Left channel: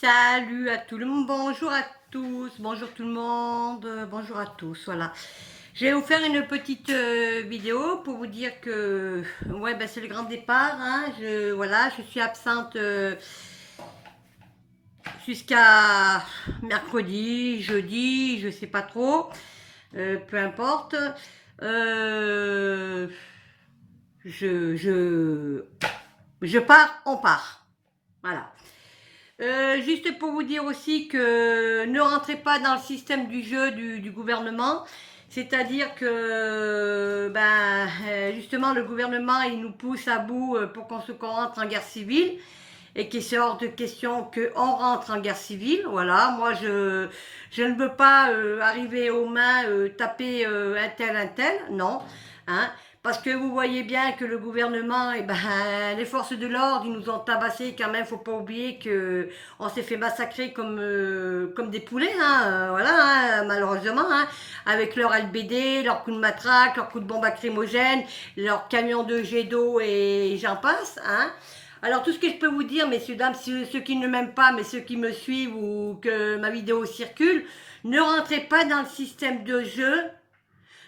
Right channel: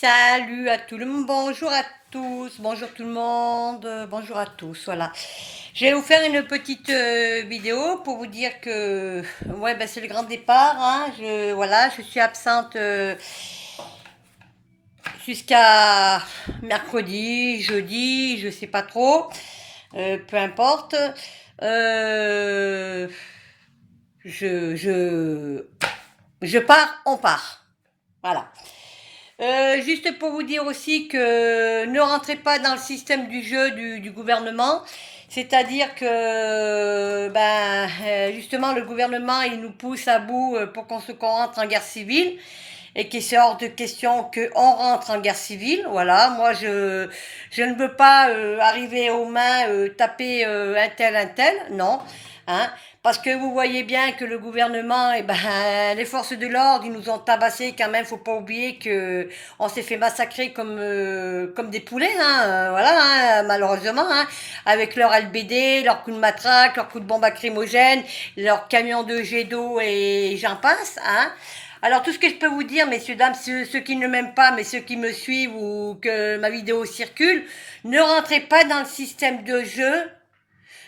Salut à tout le monde, bonjour à tous, bonjour tout le monde, bonjour à tous, voilà. Je vais vous faire une petite vidéo pour vous dire que ouais, ben, c'est le grand départ, hein. Je suis absente jusqu'à mercredi, jeudi, je sais pas trop, peu importe. Euh, je, je, je pars, on part, voilà. Juste pour vous dire aussi que ne rentrez pas dans le système du jeu du gouvernement. C'est-à-dire que justement le gouvernement il nous pousse à bout pour qu'on rentre en guerre civile et qu'il est hors de question qu'on rentre en guerre civile. Voilà, moi je ne veux pas arriver aux mains, taper un tel, non. Hein, parce que vous voyez bien que le gouvernement, les forces de l'ordre, ils nous ont tabassés quand même. Faut pas oublier que on s'est fait massacrer comme des poulets, hein, voilà, hein, malheureusement, hein, avec leur LBD, leurs coups de matraque, leurs coups de bombe lacrymogène, leurs camions de jet d'eau et j'en passe, hein. Alors tout ce que je peux vous dire, messieurs, dames, ceux qui ne m'aiment pas, mais ceux qui me suivent ou que ma vidéo circule, ne rentrez pas dans le système de jeu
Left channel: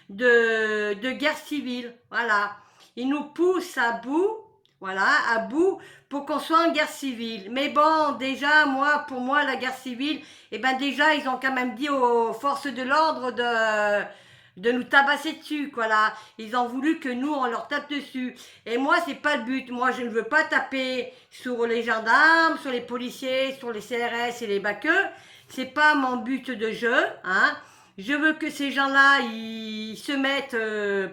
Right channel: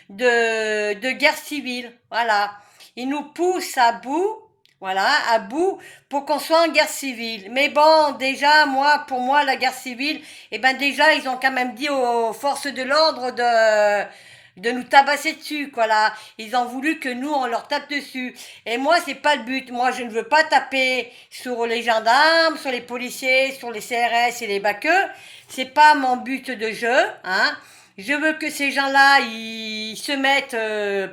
de guerre civile. Voilà. Ils nous poussent à bout, voilà, à bout, pour qu'on soit en guerre civile. Mais bon, déjà, pour moi, la guerre civile, déjà, ils ont quand même dit aux forces de l'ordre de nous tabasser dessus, quoi, là. Ils ont voulu que nous, on leur tape dessus. Et moi, c'est pas le but. Moi, je ne veux pas taper sur les gendarmes, sur les policiers, sur les CRS et les baqueux. C'est pas mon but de jeu, hein. Je veux que ces gens-là, ils se mettent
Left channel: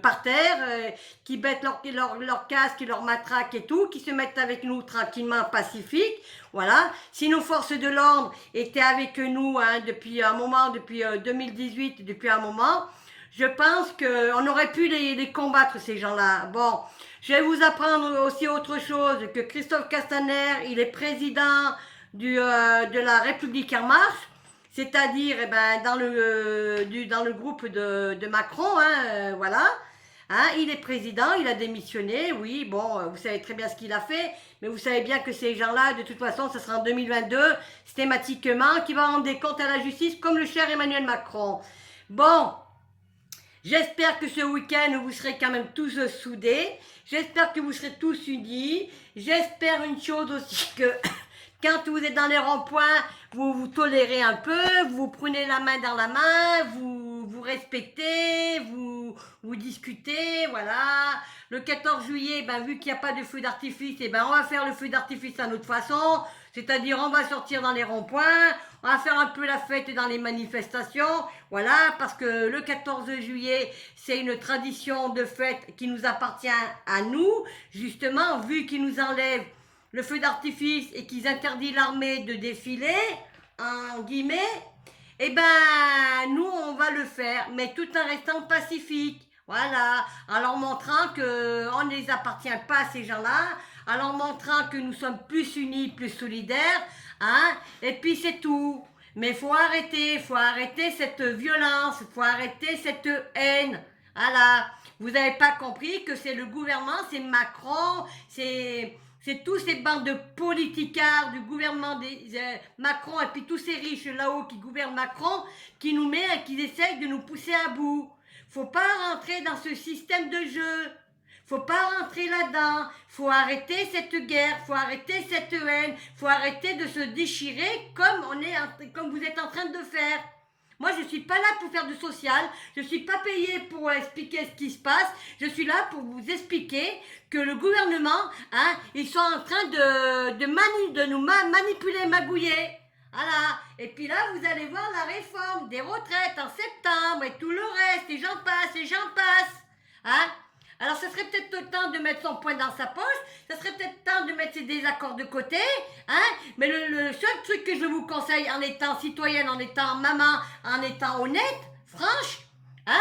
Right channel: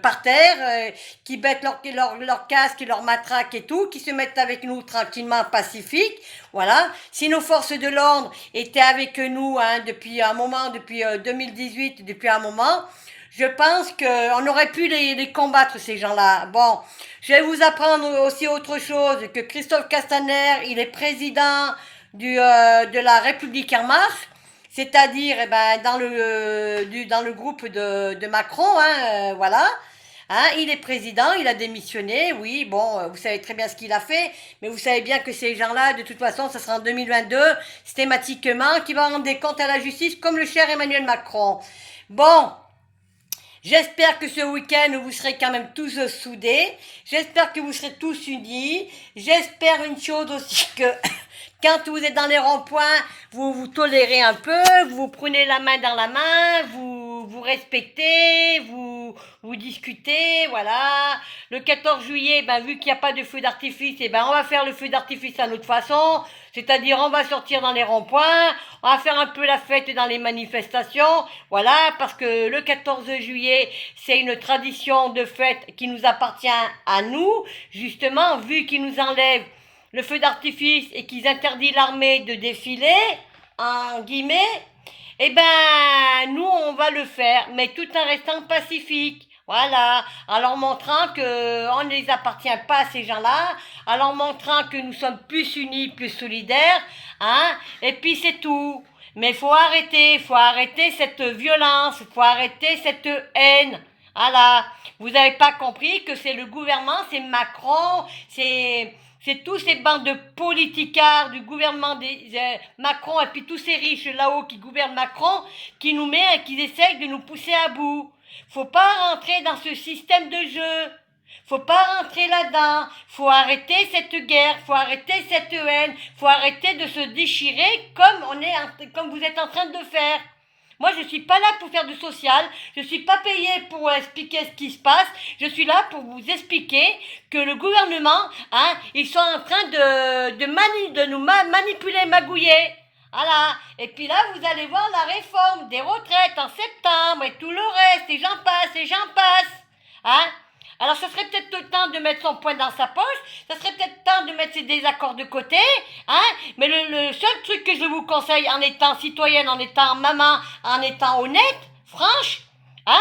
par terre, qu'ils mettent leur casque et leur matraque et tout, qu'ils se mettent avec nous tranquillement, pacifiques. Voilà. Si nos forces de l'ordre étaient avec nous hein, depuis un moment, depuis 2018, depuis un moment, je pense qu'on aurait pu les combattre, ces gens-là. Bon, je vais vous apprendre aussi autre chose, que Christophe Castaner, il est président de la République en marche. C'est-à-dire dans le groupe de Macron, hein, voilà. Hein, il est président, il a démissionné, oui, bon, vous savez très bien ce qu'il a fait, mais vous savez bien que ces gens-là, de toute façon, ça sera en 2022, systématiquement, qui va rendre des comptes à la justice, comme le cher Emmanuel Macron. Bon, j'espère que ce week-end, vous serez quand même tous soudés. J'espère que vous serez tous unis. J'espère une chose aussi que quand vous êtes dans les ronds-points, vous vous tolérez un peu, vous prenez la main dans la main, vous respectez, vous discutez, voilà. Le 14 juillet, vu qu'il n'y a pas de feu d'artifice, on va faire le feu d'artifice à notre façon. C'est-à-dire, on va sortir dans les ronds-points, on va faire un peu la fête dans les manifestations, voilà, parce que le 14 juillet, c'est une tradition de fête qui nous appartient à nous, justement, vu qu'ils nous enlèvent le feu d'artifice et qu'ils interdisent l'armée de défiler, en guillemets, nous, on va le faire, mais tout en restant pacifique. Voilà, en leur montrant qu'on ne les appartient pas à ces gens-là, en leur montrant que nous sommes plus unis, plus solidaires, hein, et puis c'est tout. Mais il faut arrêter cette violence, il faut arrêter cette haine. Voilà, vous n'avez pas compris que c'est le gouvernement, c'est Macron, c'est tous ces bandes de politicards du gouvernement Macron et puis tous ces riches là-haut qui gouvernent Macron qui nous met et qui essayent de nous pousser à bout. Faut pas rentrer dans ce système de jeu. Faut pas rentrer là-dedans. Faut arrêter cette guerre. Faut arrêter cette haine. Faut arrêter de se déchirer comme vous êtes en train de faire. Moi, je ne suis pas là pour faire du social. Je ne suis pas payée pour expliquer ce qui se passe. Je suis là pour vous expliquer que le gouvernement, hein, ils sont en train de nous manipuler, magouiller. Voilà. Et puis là, vous allez voir la réforme des retraites en septembre et tout le reste, et j'en passe, et j'en passe. Hein? Alors, ce serait peut-être le temps de mettre son poing dans sa poche, ça serait peut-être temps de mettre ses désaccords de côté, hein, mais le seul truc que je vous conseille en étant citoyenne, en étant maman, en étant honnête, franche, hein,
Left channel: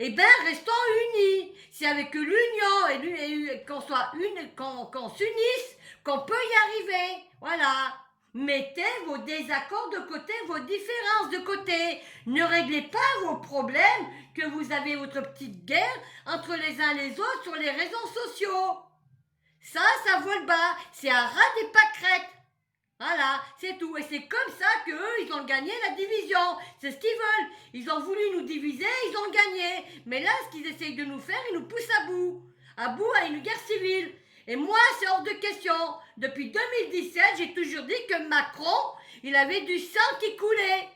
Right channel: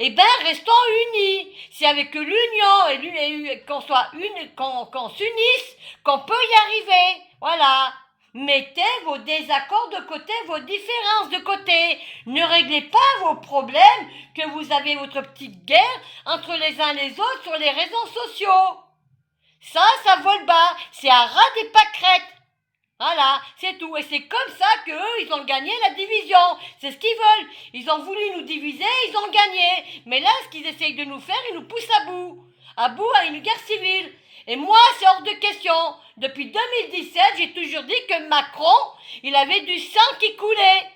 restons unis. C'est avec l'union et qu'on soit qu'on s'unisse, qu'on peut y arriver. Voilà. Mettez vos désaccords de côté, vos différences de côté. Ne réglez pas vos problèmes que vous avez votre petite guerre entre les uns et les autres sur les réseaux sociaux. Ça vole bas. C'est un ras des pâquerettes. Voilà, c'est tout. Et c'est comme ça qu'eux, ils ont gagné la division. C'est ce qu'ils veulent. Ils ont voulu nous diviser, ils ont gagné. Mais là, ce qu'ils essayent de nous faire, ils nous poussent à bout. À bout à une guerre civile. Et moi, c'est hors de question. Depuis 2017, j'ai toujours dit que Macron, il avait du sang qui coulait.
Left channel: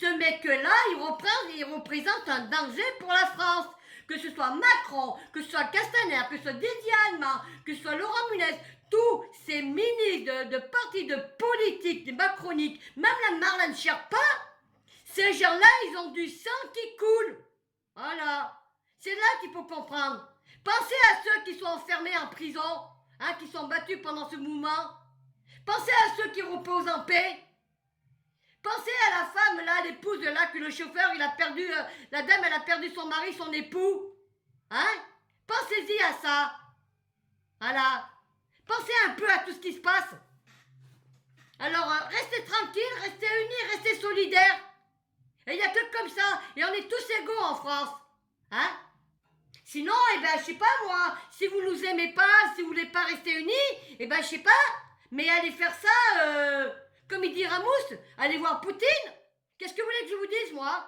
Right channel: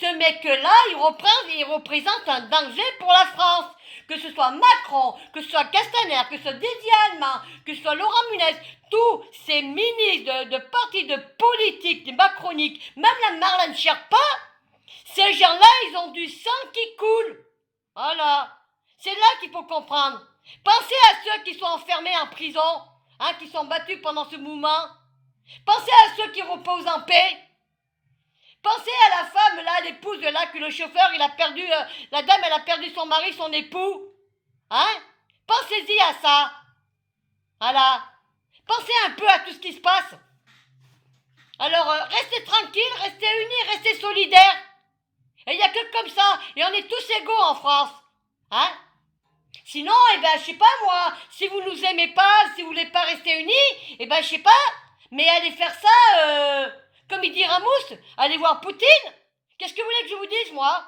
Ce mec-là, il représente un danger pour la France. Que ce soit Macron, que ce soit Castaner, que ce soit Didier Allemand, que ce soit Laurent Nunez, tous ces ministres de partis de politique, des macroniques, même la Marlène Schiappa, ces gens-là, ils ont du sang qui coule. Voilà. C'est là qu'il faut comprendre. Pensez à ceux qui sont enfermés en prison, hein, qui sont battus pendant ce mouvement. Pensez à ceux qui reposent en paix. Pensez à la femme, là, l'épouse de là, que le chauffeur, il a perdu, la dame, elle a perdu son mari, son époux. Hein? Pensez-y à ça. Voilà. Pensez un peu à tout ce qui se passe. Alors, restez tranquilles, restez unis, restez solidaires. Et il n'y a que comme ça. Et on est tous égaux en France. Hein? Sinon, eh ben, je sais pas moi, si vous nous aimez pas, si vous voulez pas rester unis, eh ben, je sais pas, mais allez faire ça, comme il dit Ramous, allez voir Poutine. Qu'est-ce que vous voulez que je vous dise, moi?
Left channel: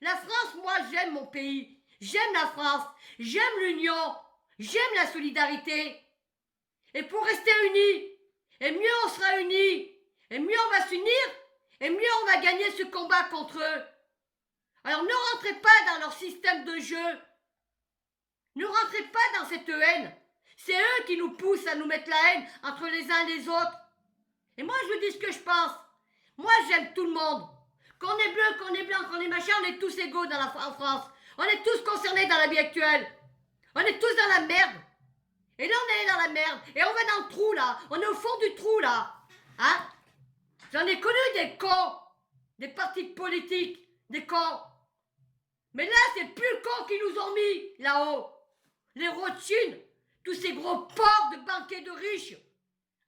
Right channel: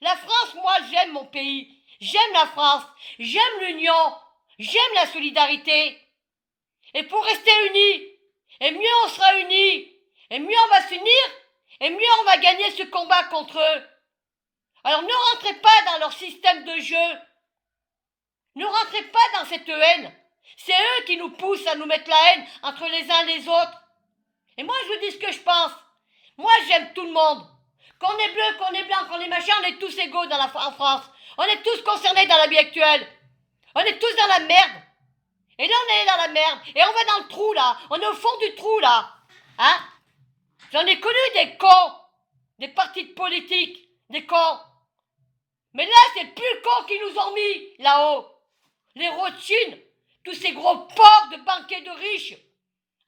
La France, moi, j'aime mon pays. J'aime la France. J'aime l'union. J'aime la solidarité. Et pour rester unis, et mieux on sera unis, et mieux on va s'unir, et mieux on va gagner ce combat contre eux. Alors ne rentrez pas dans leur système de jeu. Ne rentrez pas dans cette haine. C'est eux qui nous poussent à nous mettre la haine entre les uns et les autres. Et moi, je vous dis ce que je pense. Moi, j'aime tout le monde. Qu'on est bleu, qu'on est blanc, qu'on est machin, on est tous égaux en France. On est tous concernés dans la vie actuelle. On est tous dans la merde. Et là, on est dans la merde. Et on va dans le trou, là. On est au fond du trou, là. Hein? J'en ai connu des cons. Des partis de politique. Des cons. Mais là, c'est plus le con qu'ils nous ont mis, là-haut. Les Rothschild. Tous ces gros porcs de banquiers de riches.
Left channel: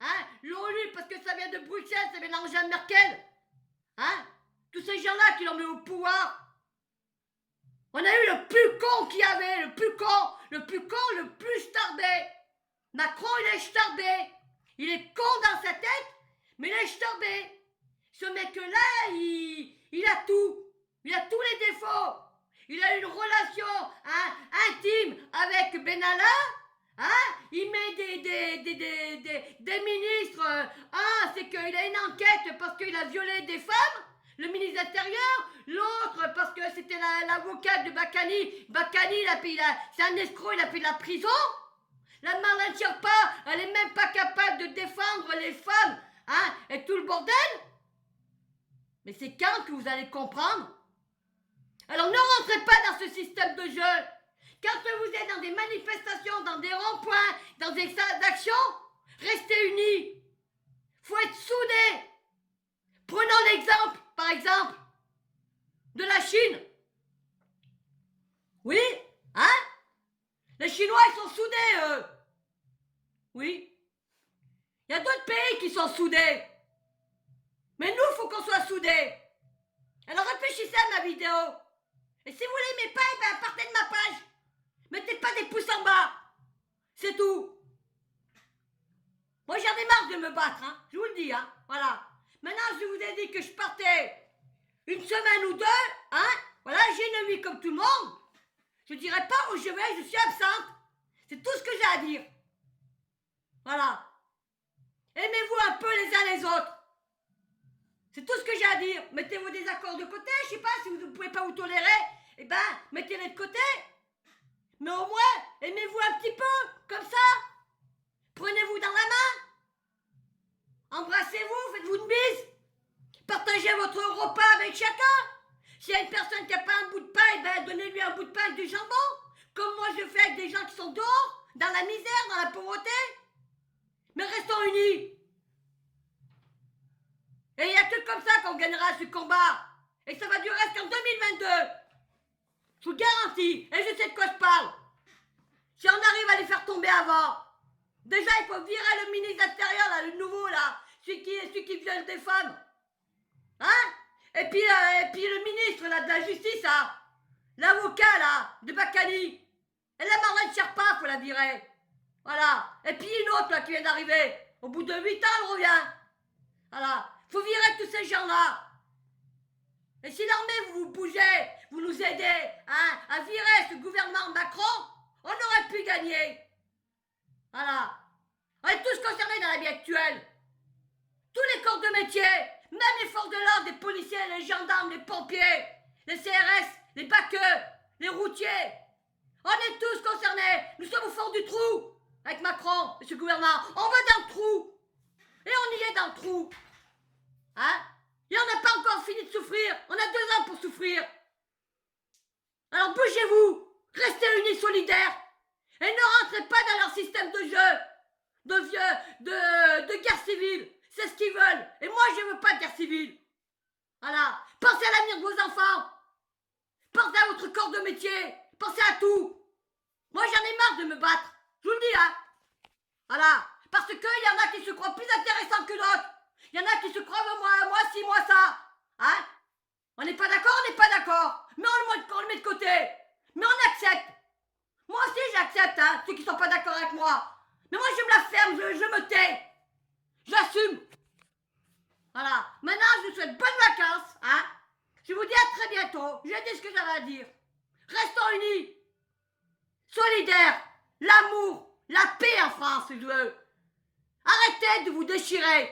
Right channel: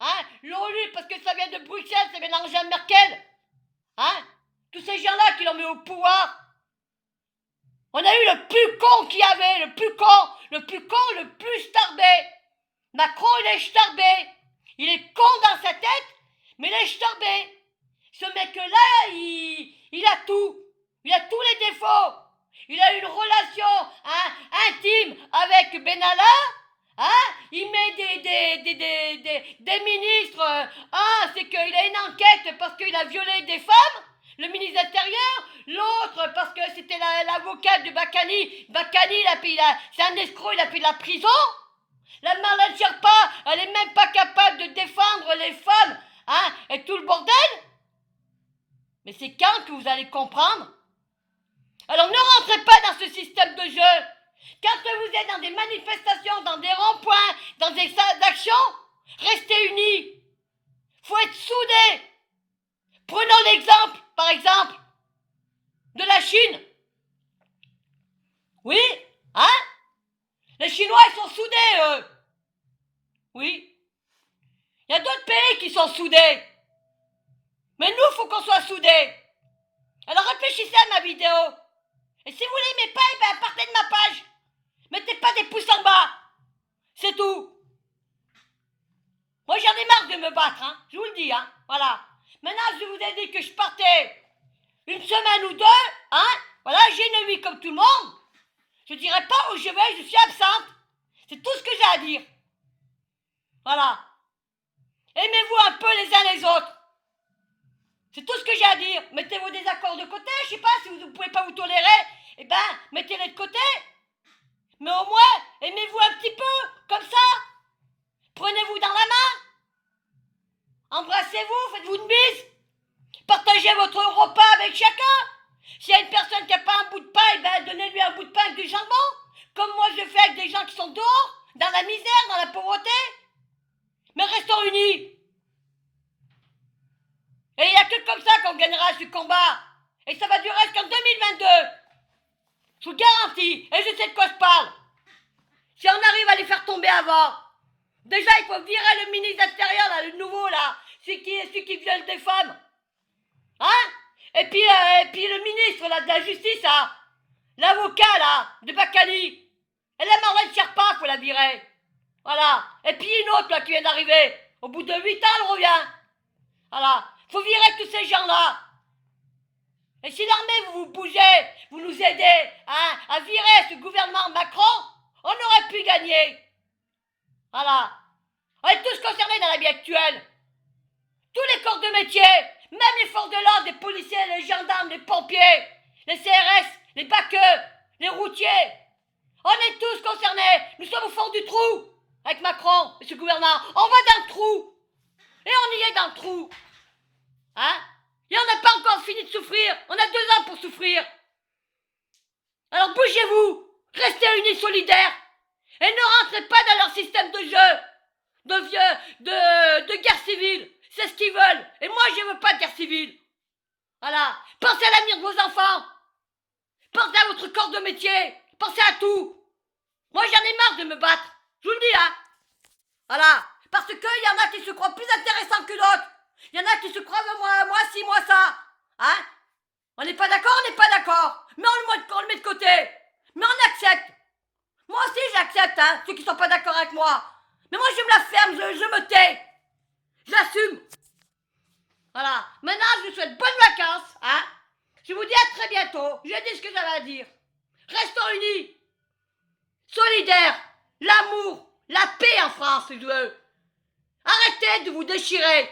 Hein? L'ONU, parce que ça vient de Bruxelles, ça vient d'Angela Merkel. Hein? Tous ces gens-là qui l'ont mis au pouvoir. On a eu le plus con qu'il y avait, le plus con, le plus starbé. Macron, il est starbé. Il est con dans sa tête, mais il est starbé. Ce mec-là, il a tout. Il a tous les défauts. Il a une relation intime avec Benalla. Hein? Il met des ministres. C'est qu'il a une enquête parce qu'il a violé des femmes. Le ministre de l'Intérieur. L'autre parce que c'était l'avocat de Bakani. Bakani, c'est un escroc, il a fait de la prison. La Marlène Schiappa, elle est même pas capable de défendre les femmes. Hein? Et tout le bordel. Mais c'est quand que vous allez comprendre? Alors ne rentrez pas dans ce système de jeu. Quand vous êtes dans des manifestations, dans des ronds-points, dans des actions, restez unis. Faut être soudés. Prenons l'exemple, par exemple, de la Chine. Oui, hein? Les Chinois, ils sont soudés, eux. Oui. Il y a d'autres pays qui sont soudés. Mais nous, il faut qu'on soit soudés. Alors réfléchissez à ma vidéo. Et si vous l'aimez pas, eh ben partez de ma page. Mettez pas des pouces en bas. C'est tout. Moi, j'en ai marre de me battre, hein. Je vous le dis, hein. Voilà. Maintenant, je vous ai dit que je partais une semaine ou deux, hein. Voilà, j'ai une vie comme tout le monde. Je dirai pas où je vais, je suis absente. C'est tout ce que j'ai à dire. Voilà. Aimez-vous un peu les uns les autres. C'est tout ce que j'ai à dire. Mettez vos désaccords de côté. Je sais pas si vous ne pouvez pas vous tolérer. Eh ben, mettez-les de côté. Mais au moins, aimez-vous un petit peu, comme ça. Prenez-vous dans la main. Embrassez-vous, faites-vous une bise. Partagez votre repas avec chacun. S'il y a une personne qui n'a pas un bout de pain, eh ben, donnez-lui un bout de pain avec du jambon. Comme moi je fais avec des gens qui sont dehors, dans la misère, dans la pauvreté. Mais restons unis. Et il n'y a que comme ça qu'on gagnera ce combat. Et ça va durer jusqu'en 2022. Je vous garantis. Et je sais de quoi je parle. Si on arrive à les faire tomber avant. Déjà, il faut virer le ministre de l'Intérieur, là, le nouveau, là. Celui qui viole des femmes. Hein? Et puis le ministre, là, de la Justice, là. L'avocat, là, de Bakani. Et la Marlène Schiappa, faut la virer. Voilà. Et puis une autre, là, qui vient d'arriver. Au bout de 8 ans, elle revient. Voilà. Faut virer tous ces gens-là. Et si l'armée, vous bougez, vous nous aidez hein, à virer ce gouvernement Macron, on aurait pu gagner. Voilà. On est tous concernés dans la vie actuelle. Tous les corps de métier, même les forces de l'ordre, les policiers, les gendarmes, les pompiers, les CRS, les baqueux, les routiers. On est tous concernés. Nous sommes au fond du trou avec Macron et ce gouvernement. On va dans le trou. Et on y est dans le trou. Hein? Et on n'a pas encore fini de souffrir. On a 2 ans pour souffrir. Alors bougez-vous. Restez unis, solidaires. Et ne rentrez pas dans leur système de jeu. De guerre civile. C'est ce qu'ils veulent. Et moi, je ne veux pas de guerre civile. Voilà. Pensez à l'avenir de vos enfants. Pensez à votre corps de métier. Pensez à tout. Moi, j'en ai marre de me battre. Je vous le dis, hein. Voilà. Parce qu'il y en a qui se croient plus intéressants que d'autres. Il y en a qui se croient moi ci, moi ça. Hein? On n'est pas d'accord, on n'est pas d'accord. Mais on le met de côté. Mais on accepte. Moi aussi, j'accepte, hein, ceux qui sont pas d'accord avec moi. Mais moi, je me la ferme, je me tais. J'assume. Voilà. Maintenant, je vous souhaite bonnes vacances, hein. Je vous dis à très bientôt. J'ai dit ce que j'avais à dire. Restons unis. Solidaires. L'amour. La paix en France, je veux. Arrêtez de vous déchirer.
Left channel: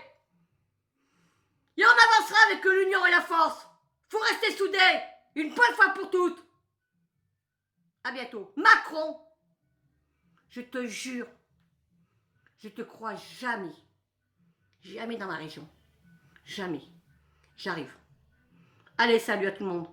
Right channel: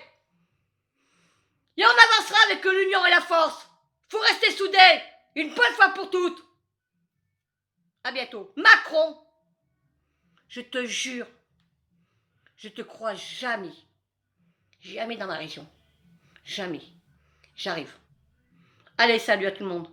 Et on avancera avec l'union et la force. Faut rester soudés. Une bonne fois pour toutes. À bientôt. Macron, je te jure, je te crois jamais. Jamais dans ma région. Jamais. J'arrive. Allez, salut à tout le monde.